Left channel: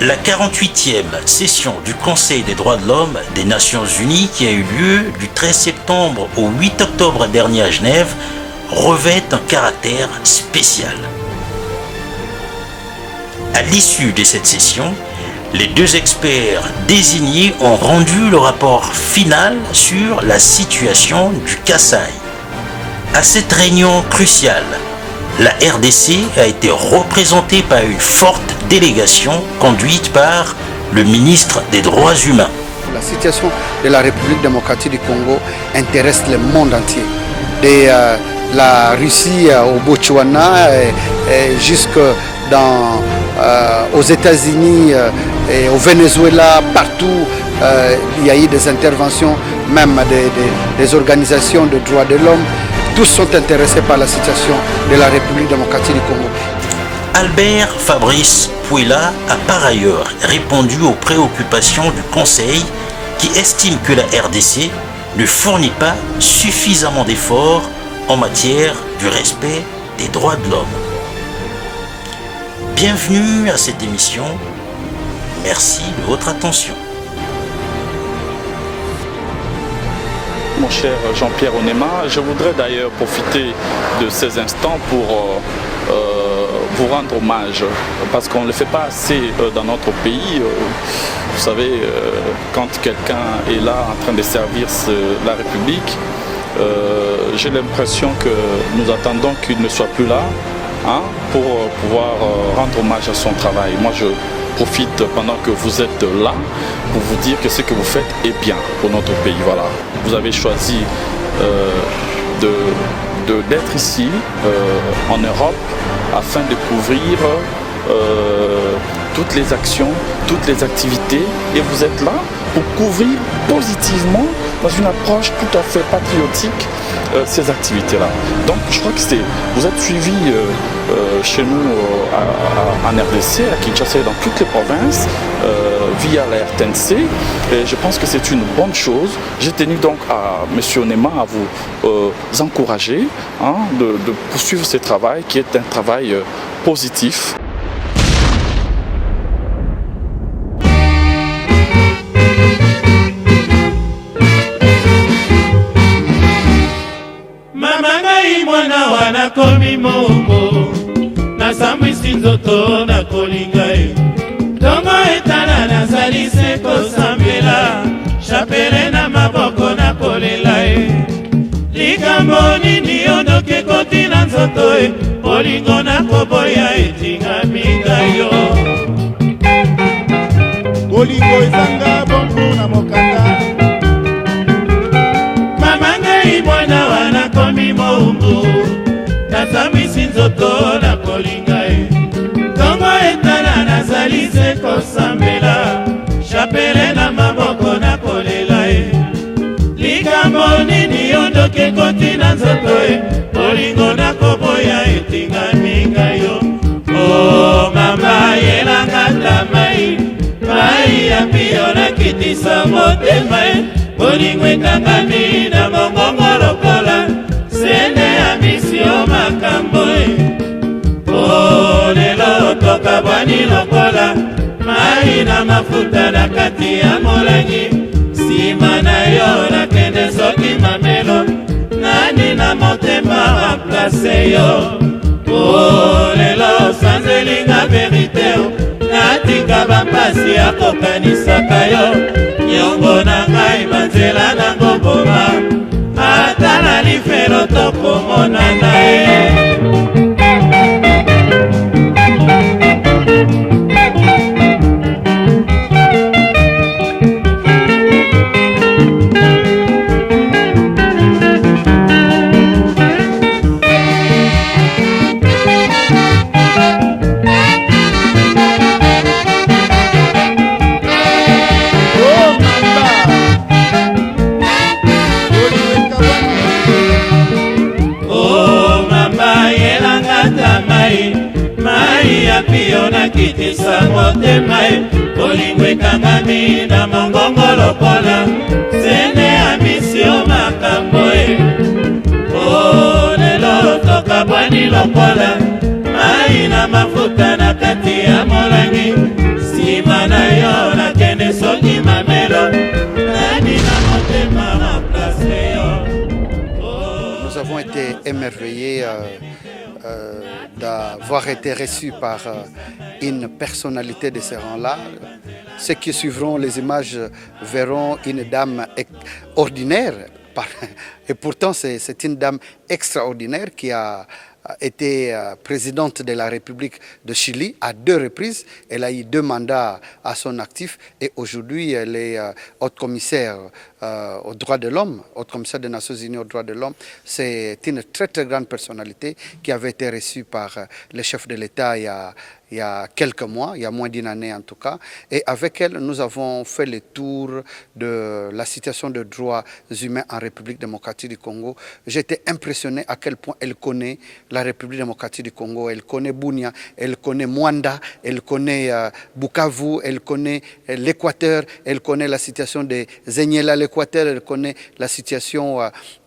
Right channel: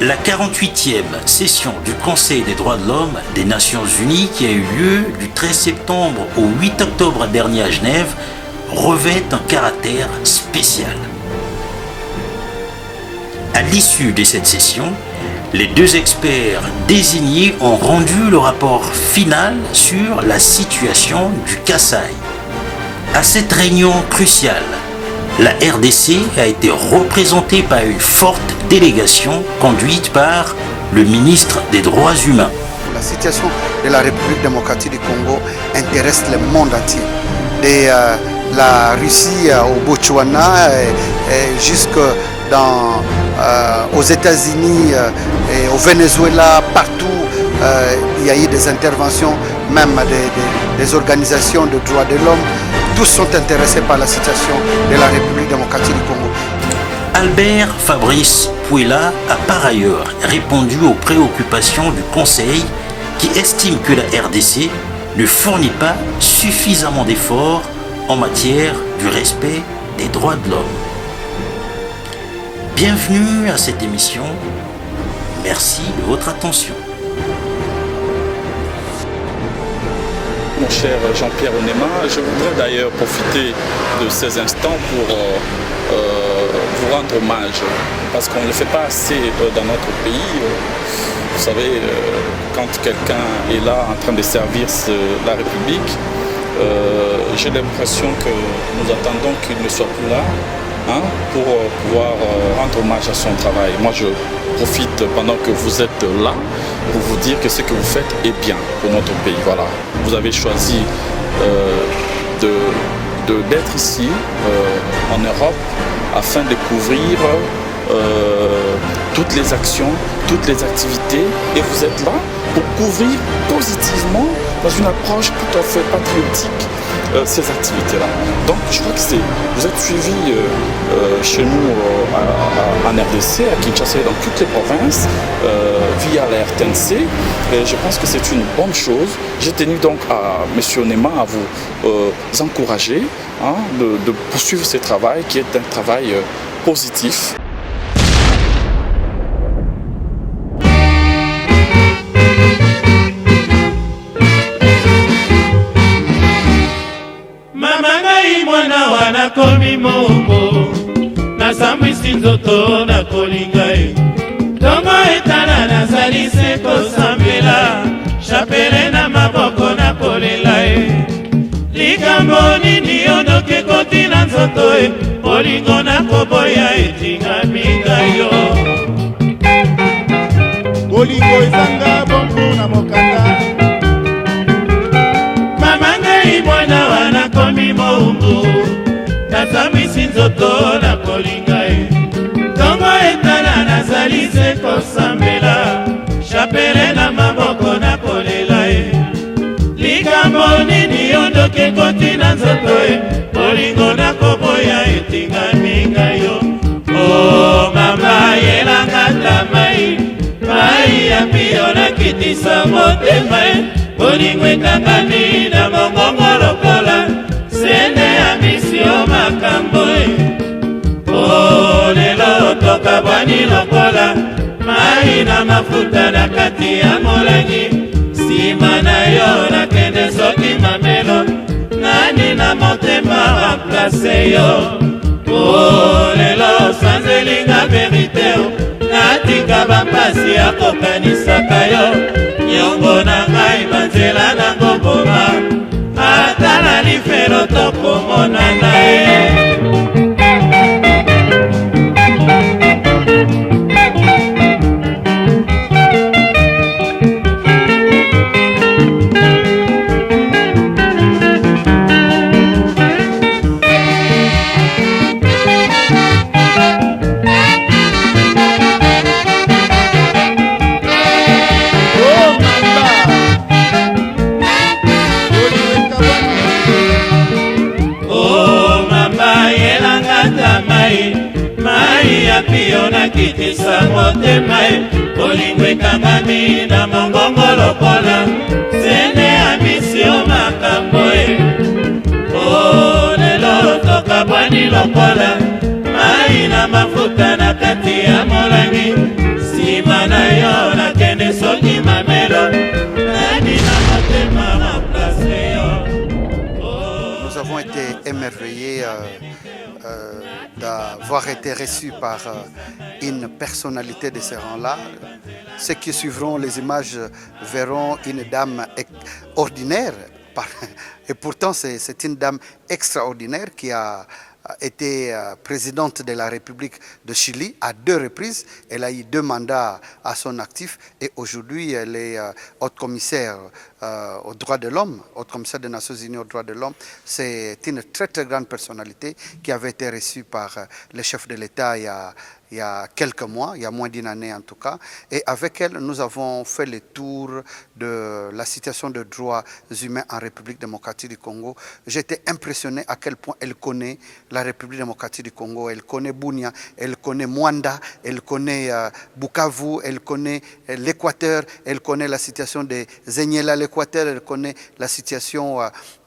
La 48e session du Conseil des droits de l'homme des Nations Unies, qui a eu lieu du 13 septembre au 8 octobre dernier à Genève, revêt un caractère spécial. À l'issue de cette session, les deux experts désignés ont rendu le rapport final sur la situation du Kasaï. À cette réunion cruciale, la RDC a été représentée par une forte délégation conduite par le ministre des Droits humains. La situation de la République démocratique du Congo intéresse le monde entier. De la Russie au Botswana jusque aux États-Unis et au Venezuela, partout, il y a eu des interventions, même des organisations de droits de l'homme. Tous sont intéressés par la situation de la République démocratique du Congo. Albert Fabrice Pouila a par ailleurs répondu aux préoccupations du Conseil qui estime que la RDC ne fournit pas suffisamment d'efforts en matière du respect des droits de l'homme. Bienvenue à cette émission. Merci de votre attention. Mon cher Jean-Pierre Onema, je voudrais d'ailleurs profiter de ces instants pour vous rendre hommage, parce qu'on ne le fait pas assez dans notre pays. Vous savez, quand quelqu'un est là en train de servir la République, j'ai l'impression que nous attendons qu'il ne soit plus là pour pouvoir rendre hommage à son travail. Moi, je profite pendant que vous êtes là pour vous dire que ce que vous faites est bien pour notre pays. Voilà. Vous avez choisi d'être ici en Europe afin de couvrir toutes les actions, toutes les activités, et vous êtes là pour couvrir positivement, dans une approche tout à fait patriotique, ces activités-là. Donc je crois que vous êtes suivis chez nous en RDC, à Kinshasa et dans toutes les provinces, via la RTNC, et je pense que c'est une bonne chose. J'ai tenu donc à M. Onema à vous encourager de poursuivre ce travail qui est un travail positif. Nakomi mongo nasambwisi nzoto nakolinga ye ntongo etala nazali se kosambela chapele na maboko nakolela ye likambo nini ondoki ekoti na nzoto ye bolingo nakoboya etingaminga yo bolingo ezanga bongo na mokanda mama ngai mwana wa nakomi mongo nazambwisi nzoto nakolinga ye ntongo etala nazali se kosambela chapele na maboko nakolela ye likambo nini ondoki ekoti na nzoto ye bolingo nakoboya etingaminga yo o mama yelanga ta mai ya pio nakitisa motema ye bolingo ekangami na mongongo lokola sene ya misio makambo o lelo tokabwani lokola mai na mafuta na kati ya molangi nsima na yo nakende soki mamelo nani na motema remplace yo o lelo sanzelinga verite natika bampasi ya kokanisaka yo nyongo na ngai banzela nango boma ata na lifelo tokomonana ye pio nakitisa motema ye bolingo ekangami na mongongo lokola sene ya misio makambo ye o lelo tokabwani lokola mai na mafuta na kati ya molangi nsima émerveillé d'avoir été reçu par une personnalité de ce rang-là. Ceux qui suivront les images verront une dame ordinaire. Et pourtant, c'est une dame extraordinaire qui a été présidente de la République de Chili à 2 reprises. Elle a eu 2 mandats à son actif et aujourd'hui elle est haute commissaire aux droits de l'homme, haute commissaire des Nations Unies aux droits de l'homme. C'est une très très grande personnalité qui avait été reçue par le chef de l'État il y a quelques mois, il y a moins d'1 année en tout cas. Et avec elle, nous avons fait le tour de la situation des droits humains en République démocratique du Congo. J'étais impressionné à quel point elle connaît la République démocratique du Congo. Elle connaît Bunia, elle connaît Mwanda, elle connaît Bukavu, elle connaît l'Équateur, elle connaît la situation de Zenyela, l'Équateur, elle connaît la situation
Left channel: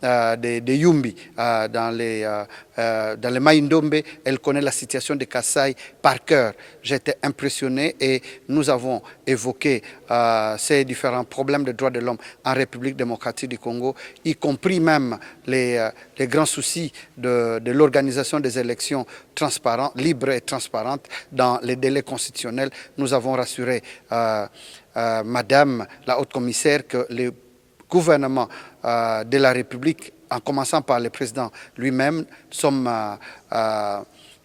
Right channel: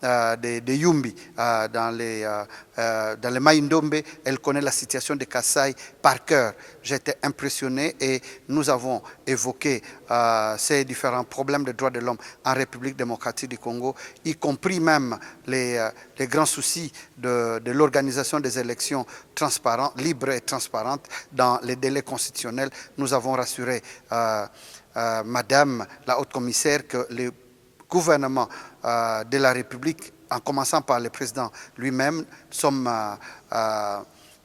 de Yumbi dans les Maïndombe, elle connaît la situation de Kassai par cœur. J'étais impressionné et nous avons évoqué ces différents problèmes de droits de l'homme en République démocratique du Congo, y compris même les grands soucis de l'organisation des élections transparentes, libres et transparentes dans les délais constitutionnels. Nous avons rassuré Madame la haute commissaire que le gouvernement de la République, en commençant par le président lui-même, sommes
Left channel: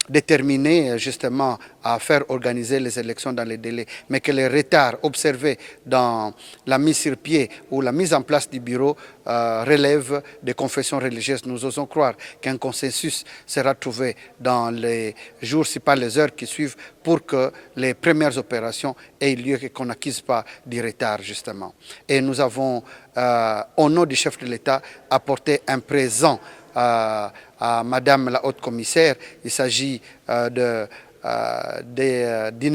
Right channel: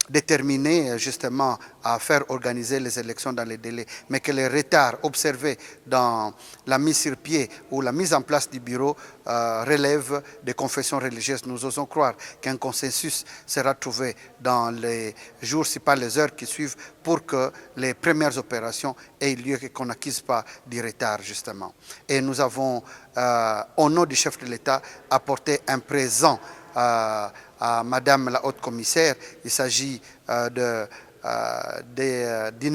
déterminés justement à faire organiser les élections dans les délais, mais que les retards observés dans la mise sur pied ou la mise en place du bureau relèvent des confessions religieuses. Nous osons croire qu'un consensus sera trouvé dans les jours, si pas les heures qui suivent, pour que les premières opérations aient lieu et qu'on n'acquise pas du retard justement. Et nous avons, au nom du chef de l'État, apporté un présent à Madame la haute commissaire. Il s'agit d'une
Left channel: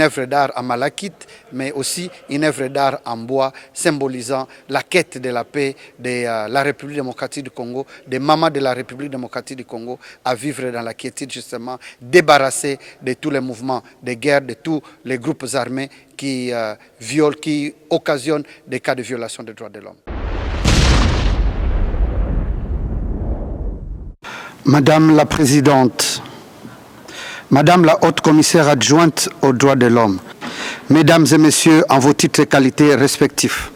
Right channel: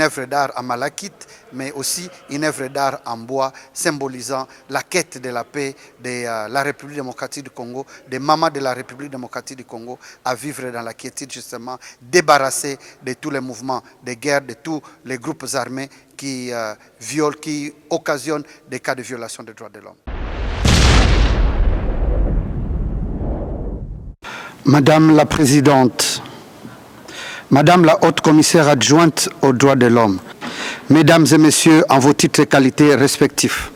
œuvre d'art en malachite, mais aussi une œuvre d'art en bois symbolisant la quête de la paix de la République démocratique du Congo, des mamans de la République démocratique du Congo à vivre dans la quiétude justement, débarrassés de tous les mouvements de guerre, de tous les groupes armés qui violent, qui occasionnent des cas de violation des droits de l'homme. Madame la Présidente, Madame la Haute Commissaire adjointe aux droits de l'homme, Mesdames et Messieurs, en vos titres et qualités respectifs,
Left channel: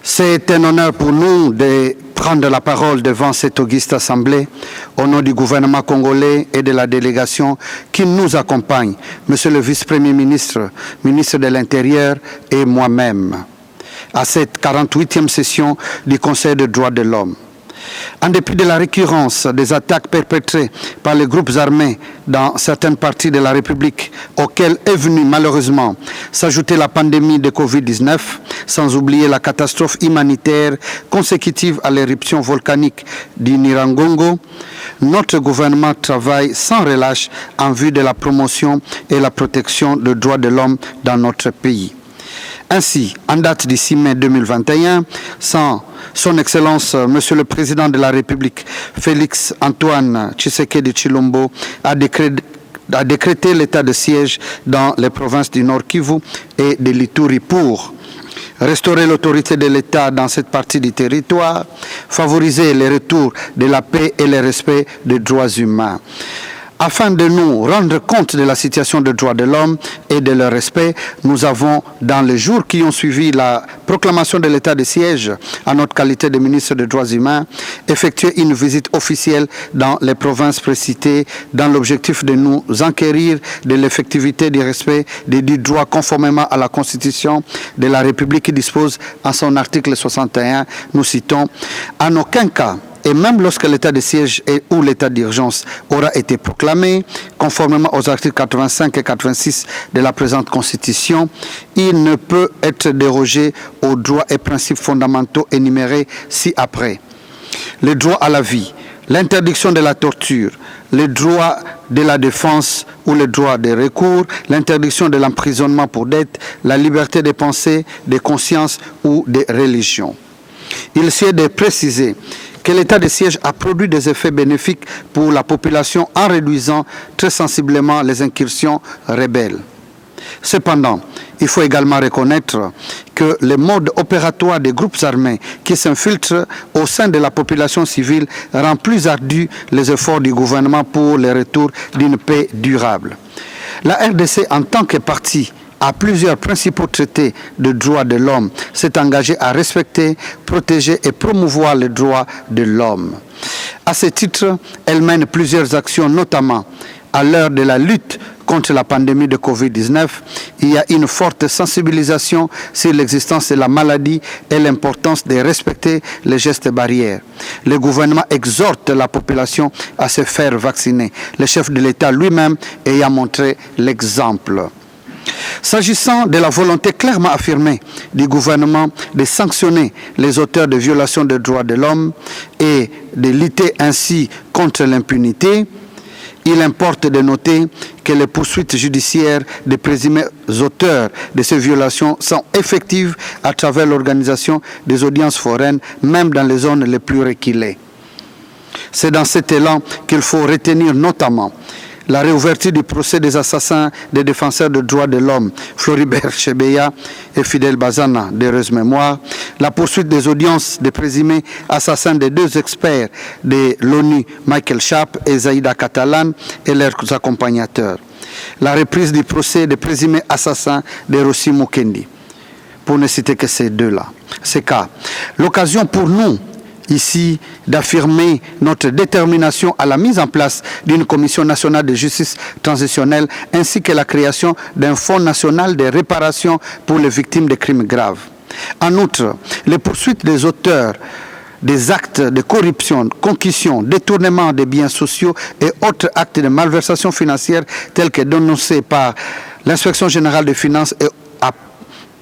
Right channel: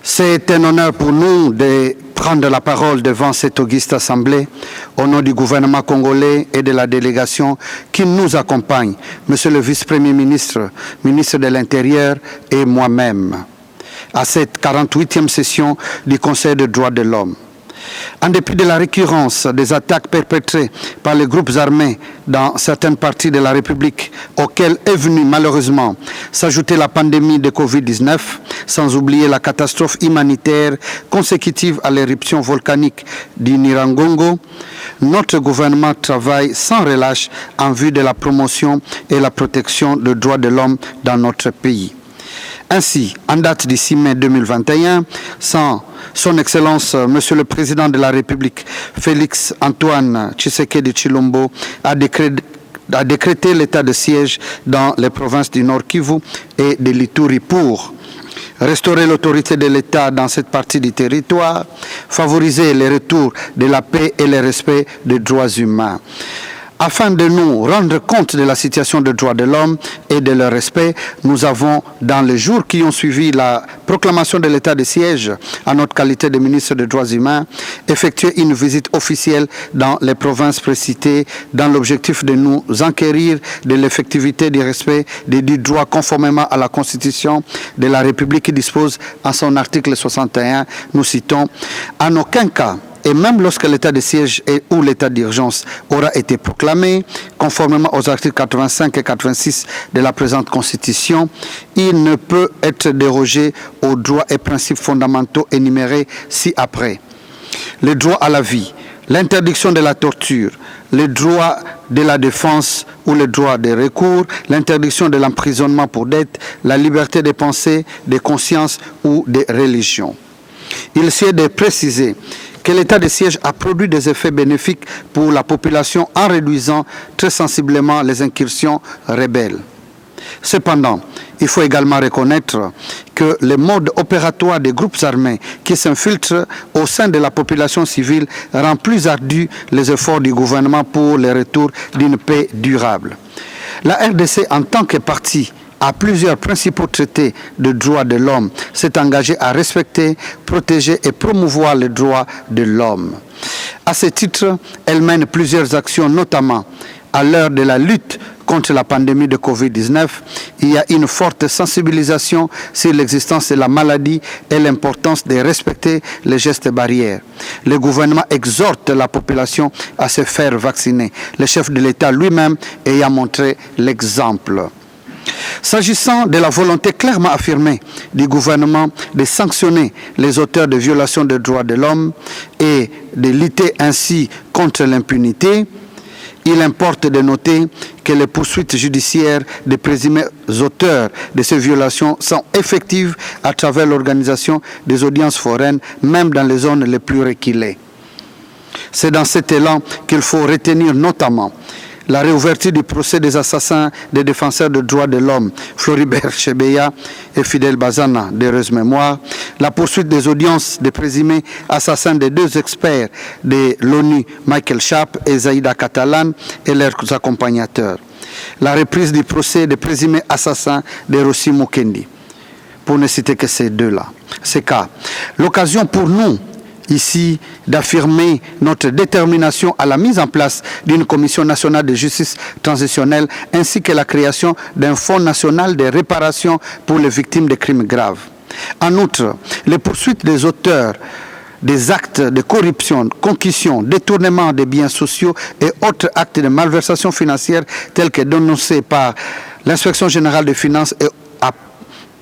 c'est un honneur pour nous de prendre la parole devant cette auguste assemblée au nom du gouvernement congolais et de la délégation qui nous accompagne, Monsieur le Vice-Premier ministre, ministre de l'Intérieur et moi-même, à cette 48e session du Conseil des droits de l'homme. En dépit de la récurrence des attaques perpétrées par les groupes armés dans certaines parties de la République, auxquelles est venue malheureusement s'ajouter la pandémie de Covid-19, sans oublier la catastrophe humanitaire consécutive à l'éruption volcanique du Nyiragongo, notre gouvernement travaille sans relâche en vue de la promotion et la protection des droits de l'homme dans notre pays. Ainsi, en date du 6 mai 2021, Son Excellence, Monsieur le Président de la République, Félix Antoine Tshisekedi Tshilombo, a décrété l'état de siège dans les provinces du Nord Kivu et de l'Ituri pour restaurer l'autorité de l'État dans cette partie du territoire, favoriser le retour de la paix et le respect des droits humains. Afin de nous rendre compte de la situation des droits de l'homme et de leur respect, nous avons, dans les jours qui ont suivi la proclamation de l'état de siège, en notre qualité de ministre des droits humains, effectué une visite officielle dans les provinces précitées dans l'objectif de nous enquérir de l'effectivité du respect des dits droits conformément à la Constitution de la République qui dispose en son article 61, nous citons, « En aucun cas, et même lorsque l'état de siège ou l'état d'urgence aura été proclamé, conformément aux articles 85 et 86 de la présente Constitution, il ne peut être dérogé aux droits et principes fondamentaux énumérés ci-après. Le droit à la vie, l'interdiction de la torture, le droit de la défense ou le droit de recours, l'interdiction de l'emprisonnement pour dette, la liberté de pensée, de conscience ou de religion. » Il s'est de préciser que l'état de siège a produit des effets bénéfiques pour la population en réduisant très sensiblement les incursions rebelles. Cependant, Il faut également reconnaître que le mode opératoire des groupes armés qui s'infiltrent au sein de la population civile rend plus ardus les efforts du gouvernement pour le retour d'une paix durable. La RDC, en tant que partie à plusieurs principaux traités de droits de l'homme, s'est engagée à respecter, protéger et promouvoir les droits de l'homme. À ce titre, elle mène plusieurs actions, notamment à l'heure de la lutte contre la pandémie de Covid-19, il y a une forte sensibilisation sur l'existence de la maladie et l'importance de respecter les gestes barrières. Le gouvernement exhorte la population à se faire vacciner, le chef de l'État lui-même ayant montré l'exemple. S'agissant de la volonté clairement affirmée du gouvernement de sanctionner les auteurs de violations des droits de l'homme et de lutter ainsi contre l'impunité, il importe de noter que les poursuites judiciaires des présumés auteurs de ces violations sont effectives à travers l'organisation des audiences foraines, même dans les zones les plus reculées. C'est dans cet élan qu'il faut retenir notamment la réouverture du procès des assassins des défenseurs des droits de l'homme, Floribert Chebeya et Fidel Bazana, d'heureuse mémoire, la poursuite des audiences des présumés assassins des deux experts de l'ONU, Michael Sharp et Zaïda Catalan, et leurs accompagnateurs, la reprise du procès des présumés assassins de Rossi Mukendi, pour ne citer que ces deux-là. Ces cas. L'occasion pour nous, ici, d'affirmer notre détermination à la mise en place d'une commission nationale de justice transitionnelle ainsi que la création d'un fonds national de réparation pour les victimes de crimes graves. En outre, les poursuites des auteurs des actes de corruption, concussion, détournement des biens sociaux et autres actes de malversation financière tels que dénoncés par l'Inspection générale des finances et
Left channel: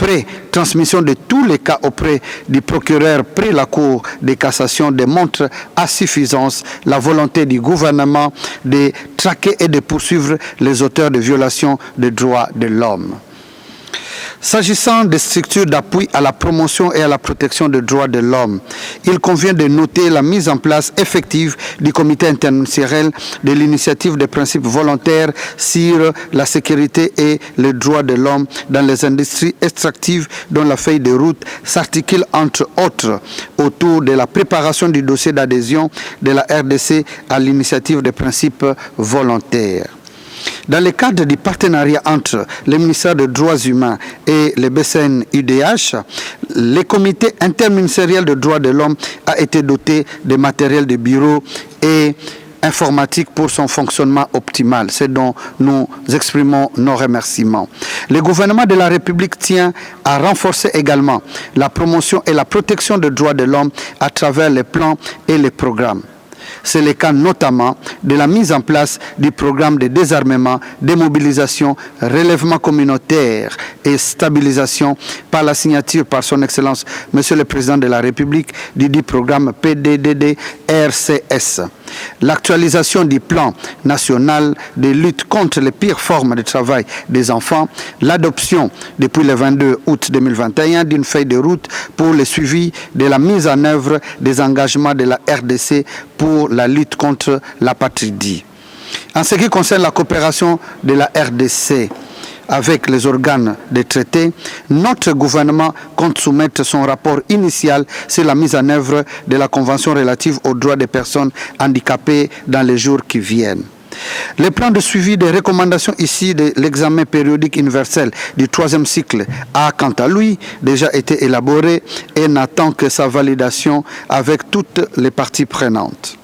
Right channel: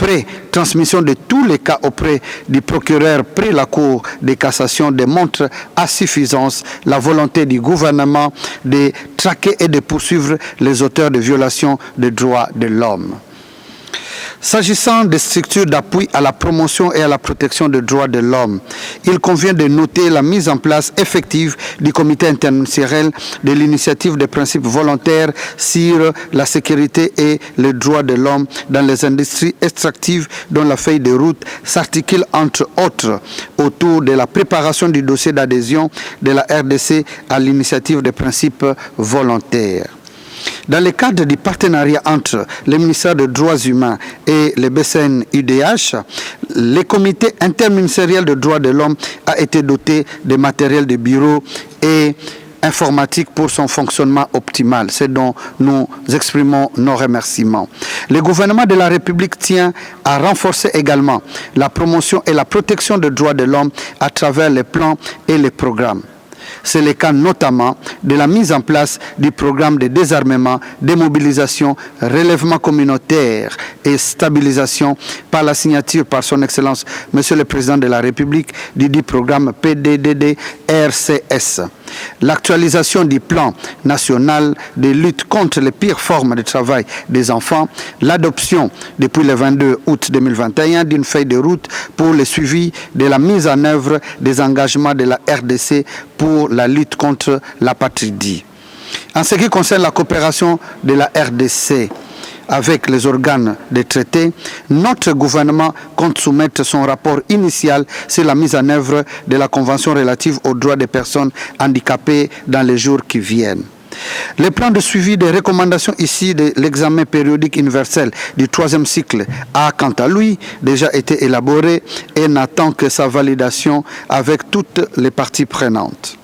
après transmission de tous les cas auprès du procureur près la Cour de cassation démontre à suffisance la volonté du gouvernement de traquer et de poursuivre les auteurs de violations des droits de l'homme. S'agissant des structures d'appui à la promotion et à la protection des droits de l'homme, il convient de noter la mise en place effective du comité interministériel de l'initiative des principes volontaires sur la sécurité et les droits de l'homme dans les industries extractives dont la feuille de route s'articule entre autres autour de la préparation du dossier d'adhésion de la RDC à l'initiative des principes volontaires. Dans le cadre du partenariat entre le ministère des Droits humains et le BCN-UDH, le comité interministériel des droits de l'homme a été doté de matériel de bureau et informatique pour son fonctionnement optimal. C'est dont nous exprimons nos remerciements. Le gouvernement de la République tient à renforcer également la promotion et la protection des droits de l'homme à travers les plans et les programmes. C'est le cas notamment de la mise en place du programme de désarmement, démobilisation, relèvement communautaire et stabilisation par la signature par son Excellence Monsieur le Président de la République du dit programme PDDD-RCS. L'actualisation du plan national de lutte contre les pires formes de travail des enfants, l'adoption depuis le 22 août 2021 d'une feuille de route pour le suivi de la mise en œuvre des engagements de la RDC pour la lutte contre l'apatridie. En ce qui concerne la coopération de la RDC avec les organes des traités, notre gouvernement compte soumettre son rapport initial sur la mise en œuvre de la Convention relative aux droits des personnes handicapées dans les jours qui viennent. Le plan de suivi des recommandations ici de l'examen périodique universel du 3e cycle a, quant à lui, déjà été élaboré et n'attend que sa validation avec toutes les parties prenantes.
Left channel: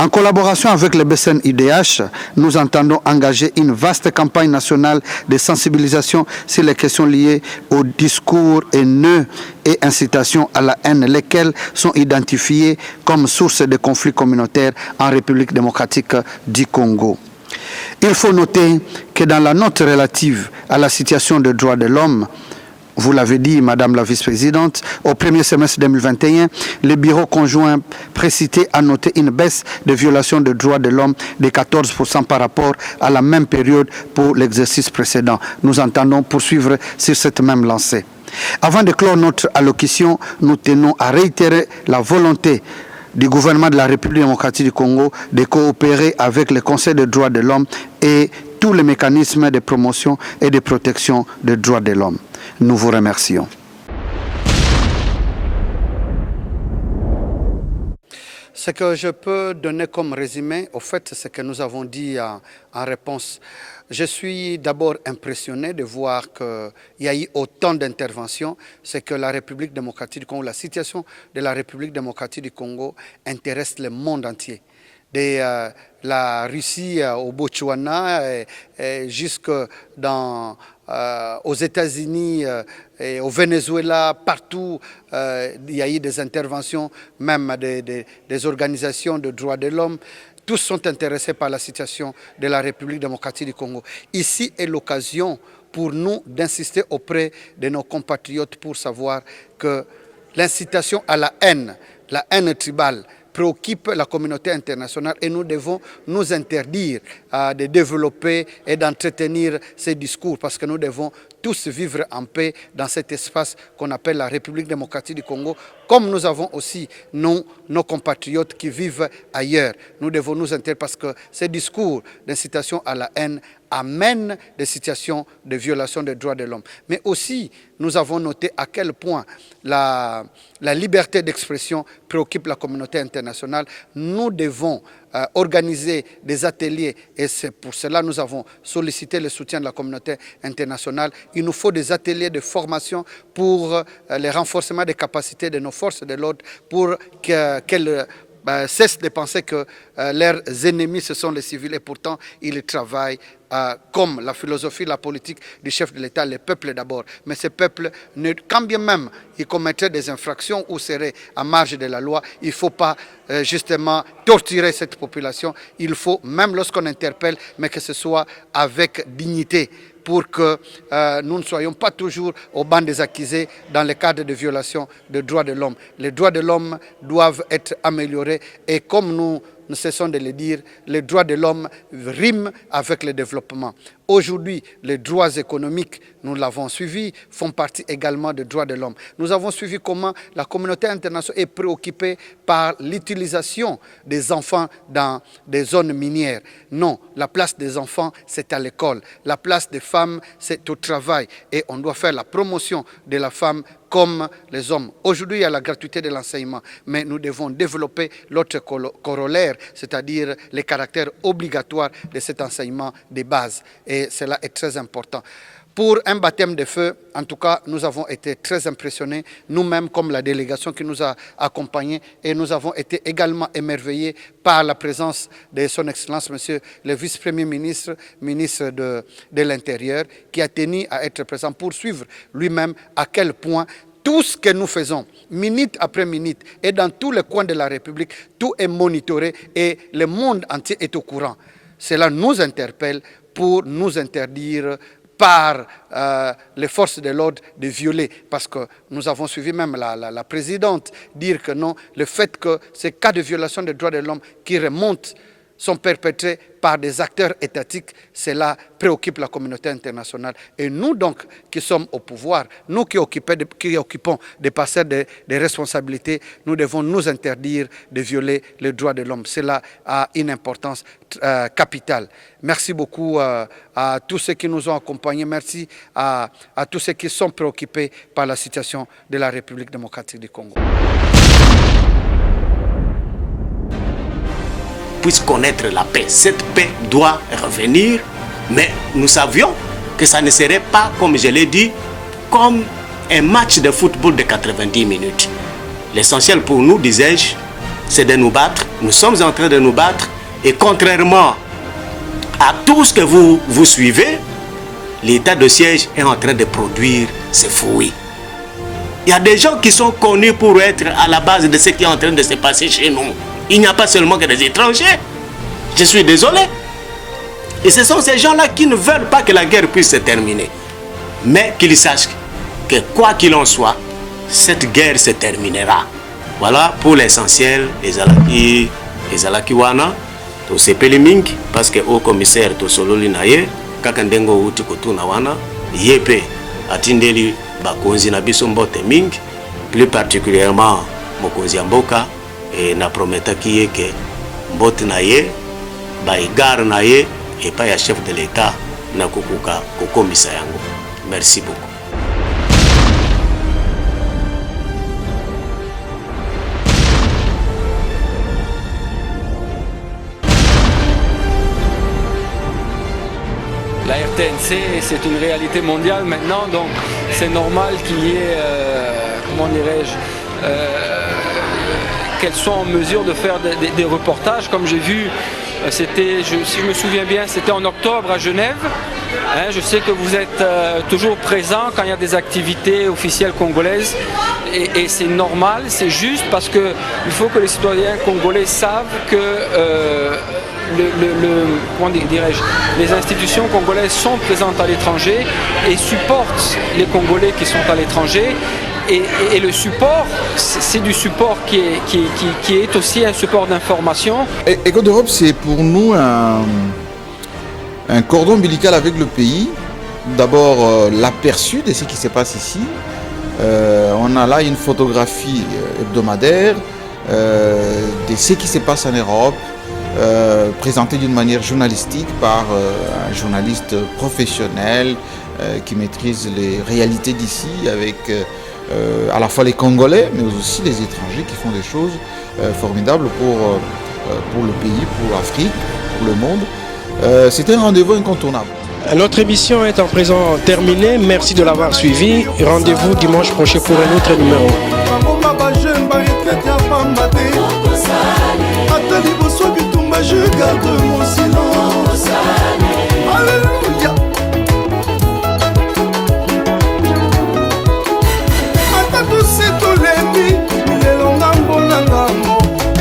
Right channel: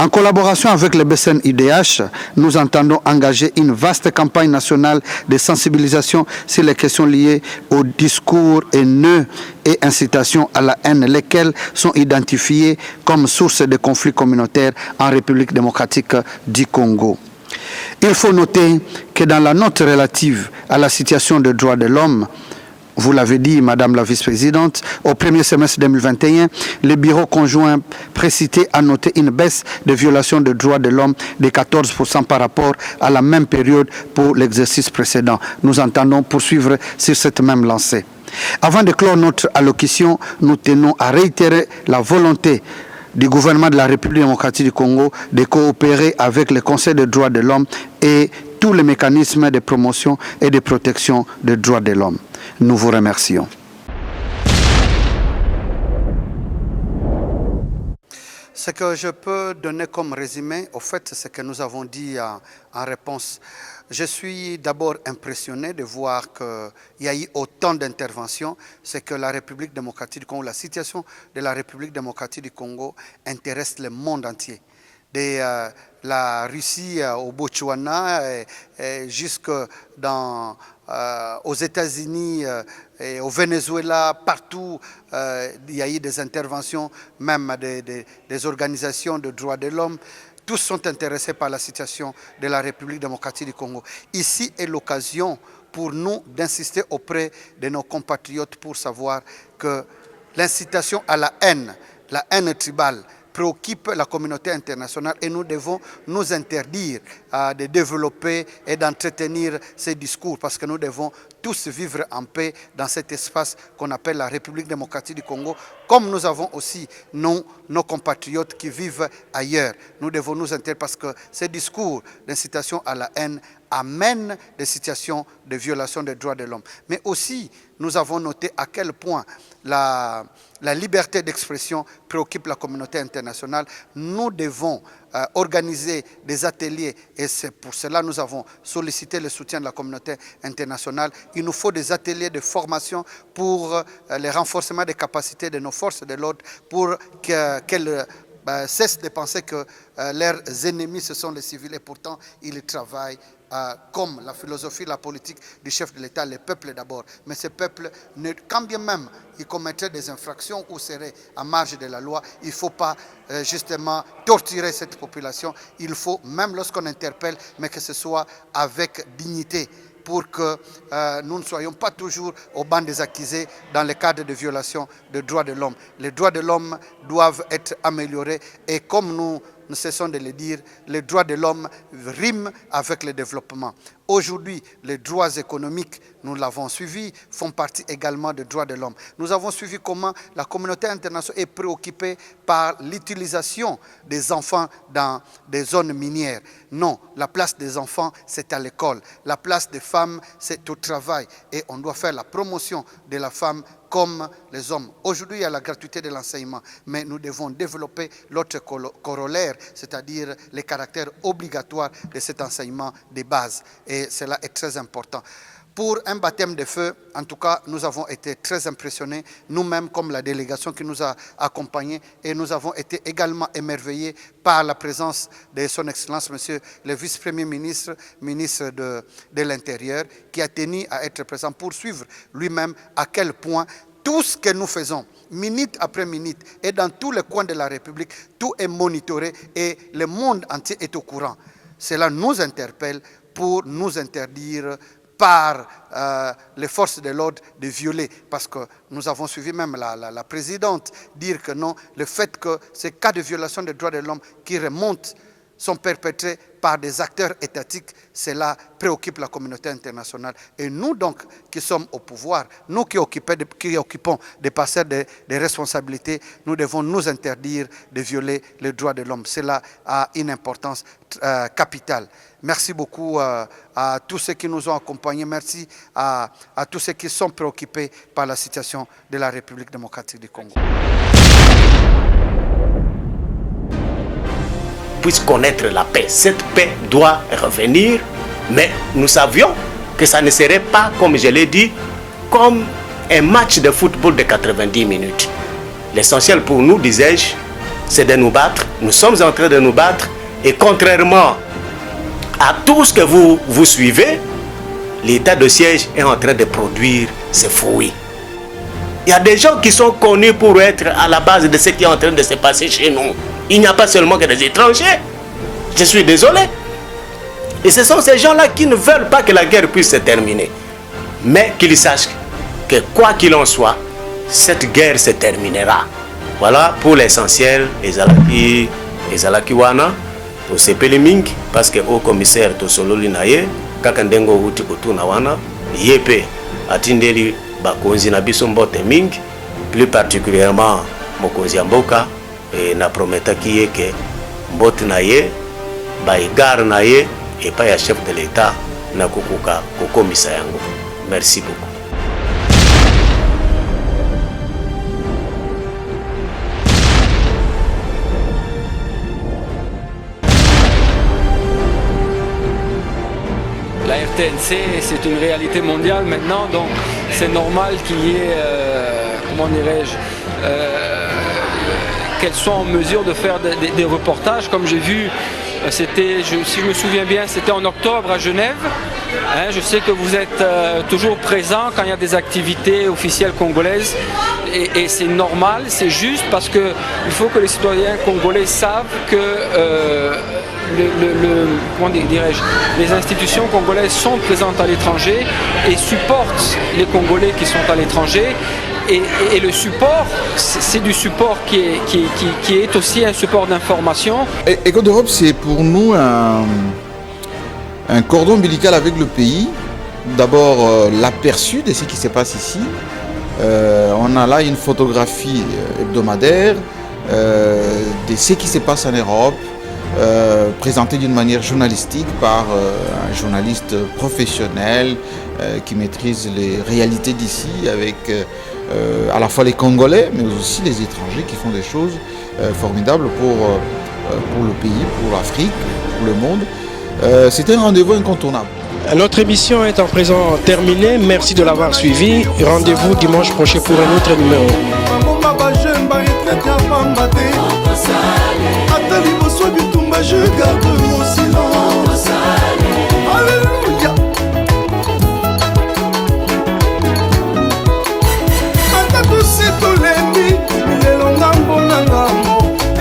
En collaboration avec le BCN-UDH, nous entendons engager une vaste campagne nationale de sensibilisation sur les questions liées au discours haineux et incitation à la haine, lesquelles sont identifiées comme source de conflits communautaires en République démocratique du Congo. Il faut noter que dans la note relative à la situation des droits de l'homme, vous l'avez dit, Madame la Vice-Présidente, au premier semestre 2021, le bureau conjoint précité a noté une baisse de violation des droits de l'homme de 14% par rapport à la même période pour l'exercice précédent. Nous entendons poursuivre sur cette même lancée. Avant de clore notre allocution, nous tenons à réitérer la volonté du gouvernement de la République démocratique du Congo de coopérer avec le Conseil des droits de l'homme et tous les mécanismes de promotion et de protection des droits de l'homme. Nous vous remercions. Ce que je peux donner comme résumé, au fait, c'est ce que nous avons dit en réponse. Je suis d'abord impressionné de voir qu'il y a eu autant d'interventions. C'est que la République démocratique du Congo, la situation de la République démocratique du Congo intéresse le monde entier. De la Russie au Botswana jusque aux États-Unis et au Venezuela, partout, il y a eu des interventions, même des organisations de droits de l'homme. Tous sont intéressés par la situation de la République démocratique du Congo. Ici est l'occasion pour nous d'insister auprès de nos compatriotes pour savoir que l'incitation à la haine tribale, préoccupe la communauté internationale et nous devons nous interdire de développer et d'entretenir ces discours parce que nous devons tous vivre en paix dans cet espace qu'on appelle la République démocratique du Congo, comme nous avons aussi nos compatriotes qui vivent ailleurs. Nous devons nous interdire parce que ces discours d'incitation à la haine amènent des situations de violation des droits de l'homme. Mais aussi, nous avons noté à quel point la liberté d'expression préoccupe la communauté internationale. Nous devons organiser des ateliers et c'est pour cela que nous avons sollicité le soutien de la communauté internationale. Il nous faut des ateliers de formation pour le renforcement des capacités de nos forces de l'ordre pour qu'elles cessent de penser que leurs ennemis ce sont les civils et pourtant ils travaillent comme la philosophie, la politique du chef de l'État, le peuple d'abord. Mais ce peuple, quand bien même il commettrait des infractions ou serait à marge de la loi, il ne faut pas justement torturer cette population. Il faut, même lorsqu'on interpelle, mais que ce soit avec dignité pour que nous ne soyons pas toujours au banc des accusés dans le cadre de violation des droits de l'homme. Les droits de l'homme doivent être améliorés et comme nous cessons de le dire, les droits de l'homme riment avec le développement. Aujourd'hui, les droits économiques, nous l'avons suivi, font partie également des droits de l'homme. Nous avons suivi comment la communauté internationale est préoccupée par l'utilisation des enfants dans des zones minières. Non, la place des enfants, c'est à l'école. La place des femmes, c'est au travail. Et on doit faire la promotion de la femme comme les hommes. Aujourd'hui, il y a la gratuité de l'enseignement, mais nous devons développer l'autre corollaire, c'est-à-dire les caractères obligatoires de cet enseignement de base. Et cela est très important. Pour un baptême de feu, en tout cas, nous avons été très impressionnés, nous-mêmes comme la délégation qui nous a accompagnés, et nous avons été également émerveillés par la présence de son Excellence, Monsieur le Vice-Premier ministre, ministre de l'Intérieur, qui a tenu à être présent pour suivre lui-même à quel point tout ce que nous faisons, minute après minute, et dans tous les coins de la République, tout est monitoré et le monde entier est au courant. Cela nous interpelle pour nous interdire par les forces de l'ordre de violer. Parce que nous avons suivi même la présidente dire que non, le fait que ces cas de violation des droits de l'homme qui remontent sont perpétrés par des acteurs étatiques, cela préoccupe la communauté internationale. Et nous donc, qui sommes au pouvoir, nous qui occupons des passeurs des responsabilités, nous devons nous interdire de violer les droits de l'homme. Cela a une importance capitale. Merci beaucoup à tous ceux qui nous ont accompagnés. Merci à tous ceux qui sont préoccupés par la situation de la République démocratique du Congo. Puisse connaître la paix. Cette paix doit revenir, mais nous savions que ça ne serait pas, comme je l'ai dit, comme un match de football de 90 minutes. L'essentiel pour nous, disais-je, c'est de nous battre. Nous sommes en train de nous battre et contrairement à tout ce que vous suivez, l'état de siège est en train de produire ses fruits. Il y a des gens qui sont connus pour être à la base de ce qui est en train de se passer chez nous. Il n'y a pas seulement que des étrangers. Je suis désolé. Et ce sont ces gens-là qui ne veulent pas que la guerre puisse se terminer. Mais qu'ils sachent que quoi qu'il en soit, cette guerre se terminera. Voilà pour l'essentiel des Alakiwana, to sepeli mingi, parce que au commissaire to sololi na ye, kakandengo uti kutuna wana, yepe atindeli bakonzi na biso mbote mingi, plus particulièrement mokonzi ya mboka. Et na prometa ki ye ke mbote na ye, ba igare na ye, et pas ya chef de l'État na kokuka kokomisa yango. Merci beaucoup. La RTNC, c'est une réalité mondiale maintenant, donc c'est normal qu'il y ait, comment dirais-je, qu'elles soient en mesure de faire des reportages. Comme j'ai vu, c'était, si je me souviens bien, c'était en octobre à Genève. Hein, je sais que vous êtes toujours présent quand il y a des activités officielles congolaises et c'est normal, c'est juste parce qu'il faut que les citoyens congolais savent que comment dirais-je, les institutions congolaises sont présentes à l'étranger et supportent les Congolais qui sont à l'étranger. Et le support, c'est du support qui est aussi un support d'information. Écho d'Europe, c'est pour nous un cordon ombilical avec le pays. D'abord, l'aperçu de ce qui se passe ici. On a là une photographie hebdomadaire de ce qui se passe en Europe, présentée d'une manière journalistique par un journaliste professionnel qui maîtrise les réalités d'ici avec à la fois les Congolais, mais aussi les étrangers qui font des choses formidables pour le pays, pour l'Afrique, pour le monde. C'est un rendez-vous incontournable. Notre émission est en présent terminée. Merci de l'avoir suivi. Rendez-vous dimanche prochain pour un autre numéro. Je garde mon silence. Alléluia. Atatu setolemi milelo ngambo na ngambo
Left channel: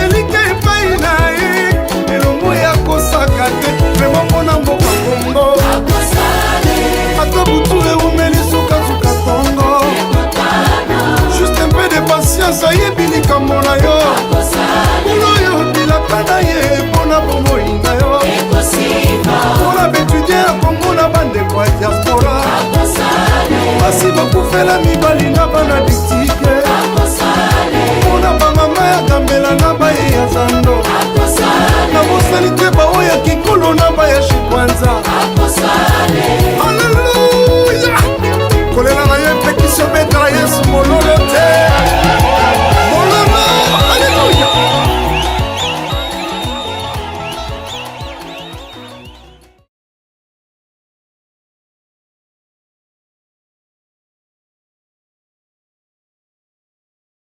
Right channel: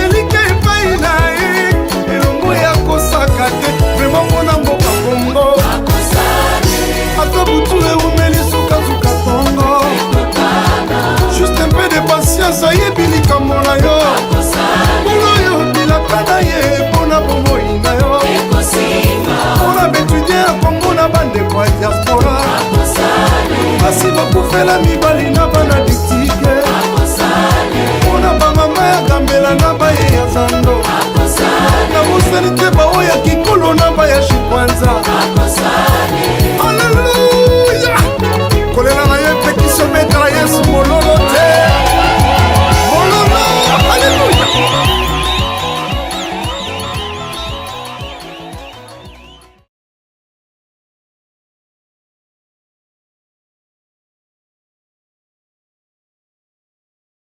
elike epai na ye elongo ya kosaka te vrema mpona mboka Kongo ata butu eumeli suka tongo juste un peu de patience ayebi likambo na yo kuno yo bilaka na ye mpona bomoi na yo mpona baétudie ya Kongo na bandeko ya diaspora basi bakufela mibali na bana bitike mpona bamama ya kambela na baye ya zando na bosali te baoyo ya kikolo na